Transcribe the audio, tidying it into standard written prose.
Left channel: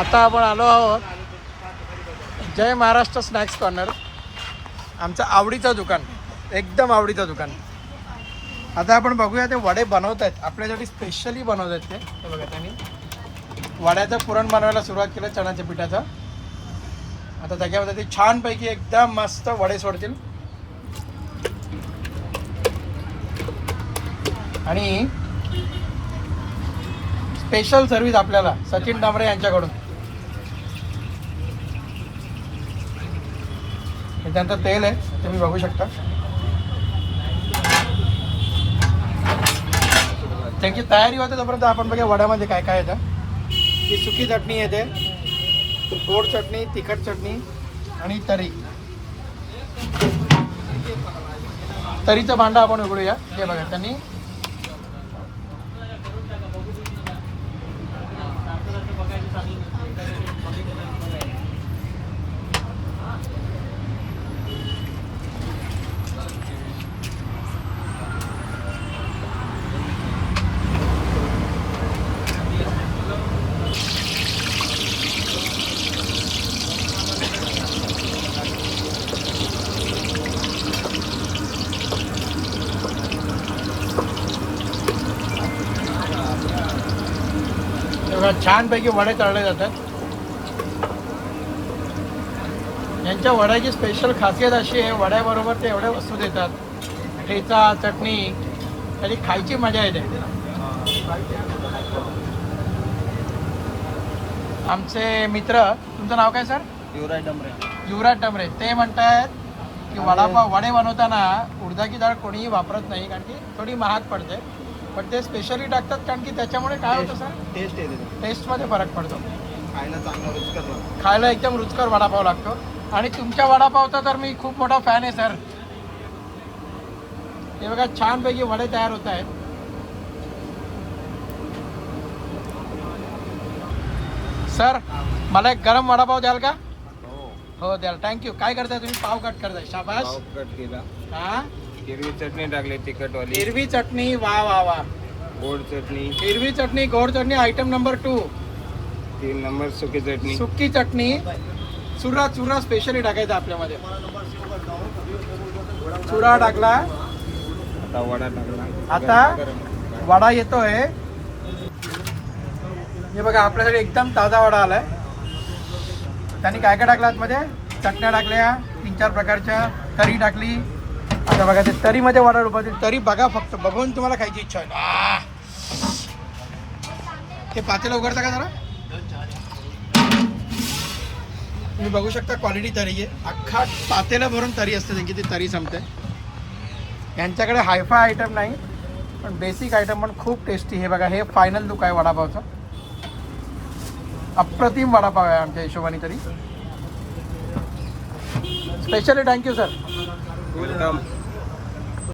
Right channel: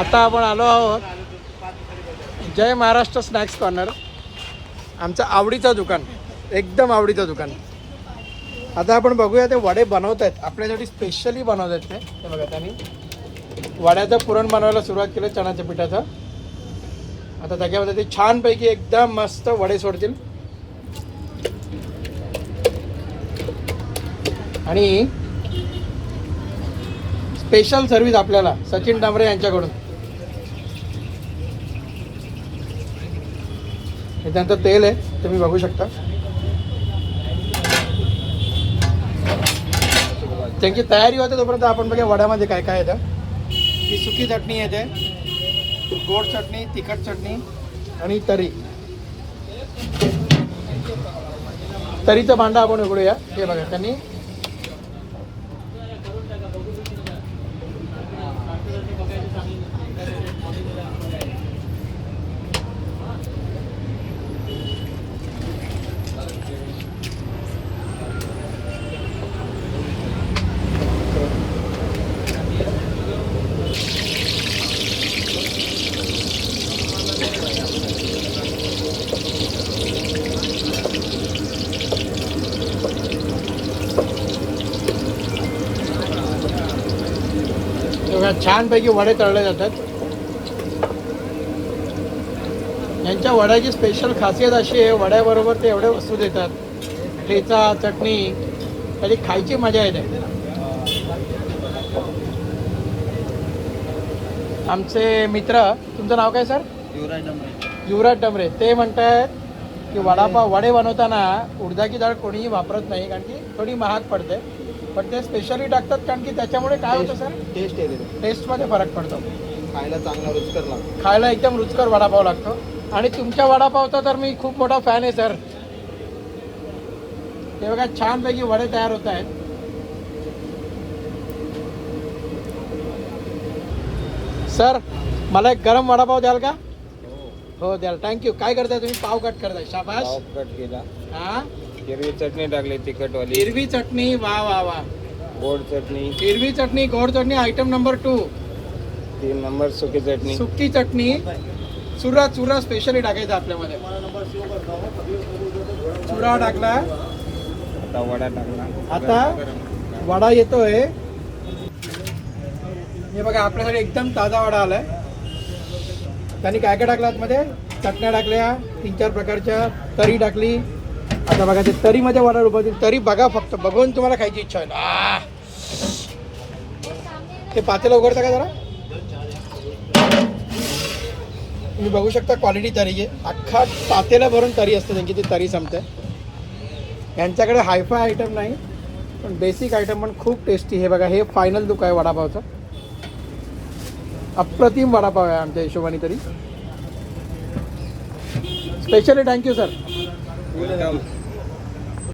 आता आपण आलो आहोत जय महाराष्ट्र स्नॅक्स कॉर्नर, आमचं आवडीचं दुकान, एकदम आवडीचं दुकान. आता आपण बघूया ते वडे बनवत आहेत, आपल्यासाठी स्पेशली बनवत आहेत ते. बघा त्यांनी वड्याचं पुरण बनवायला सुरुवात केलं चण्याच्या पिठाचं. आता त्याच्यामध्ये ते छानपैकी एकदम मस्त वडे सोडतील. आणि स्पेशल सर्व्हिस आपल्याला सचिन डांबरे यांच्याकडून. त्याच्यानंतर तेल आहे, तुम्ही बघू शकता. त्यांची तयारी होते तोपर्यंत आपण बघा वड्यामध्ये काय काय येतं. ही सुकी चटणी येते, गोड चटणी, तिखट चटणी आणि तरी. तरीचं भांडं आपण उघडूया. हे बघा त्यांनी छानपैकी वडे तळले जातात. यांच्या वड्याची स्पेशल खासियत अशी आहे, वड्याबरोबर ते एवढ्या वस्तू देतात, ठेचा, चटणी, त्याची खायची मजा येते. आमचे मित्र, तुमचं नाव काय सर? युवराज डमरे. ते म्हणतात की वडापाव वडे बनवताना उडदाची डाळ कोणीही वापरत नाही, कारण की थोडी महाग पडते, पण ते स्पेशली टाकतात कारण की त्याच्यामुळे काय होतं सर, टेस्ट येते, टेस्टमध्ये फरक पडतो. खायला चांगला रुचकर लागतो, खायला एकदम रुचकर वडापाव लागतो. आणि तुमच्या वडापावचा तर मी खूप मोठा फॅन आहे सर. हे बघा छानपैकी वडे तयार होत आहेत. सर मला एक गरम वडापाव द्याल का? हो द्याल, थँक्यू. काय करताय तुम्ही? पाव कट करताय, शाबास. पाव कट केला, हा, हिरवी चटणी टाकली, तिखट वाली, हिरवी चटणी, वा वा वा. गोड चटणी, हिरवी चटणी, गोड चटणी, आयटम नंबर 2. 3 नंबर सुकी चटणी, सुकी चटणी, चुरा चुरा स्पेशली टाकायचा आपल्यामध्ये. चुरा टाकला, आता वडा टाकला. आता वडा येतोय. हे बघा आपल्याकडे एकदम ताजा वडा आलाय. त्यांनी काय काय टाकलं आतमध्ये? चटण्या टाकल्या 3-4 प्रकारच्या, तरी टाकली. आता बघा ते तरीमध्ये वडा उभं, तरी बघा फक्त बघून तुम्हाला खायची इच्छा आहे. ते पातेलं उघडता का जरा? तुम्ही बघू शकता क्वालिटी तरी आहे. अख्खा पातेला भरून तरी असते त्यांची, ती तरी संपते. यांच्याकडे हायफाय आयटम नाही, पण बेसिक आयटम पण खूप टेस्टी. हे बघा हे फायनल लुक आहे वडापावचं. अप्रतिम वडापाव आहे आमच्या हिशोबाने तरी. Specially thank you sir. वेलकम.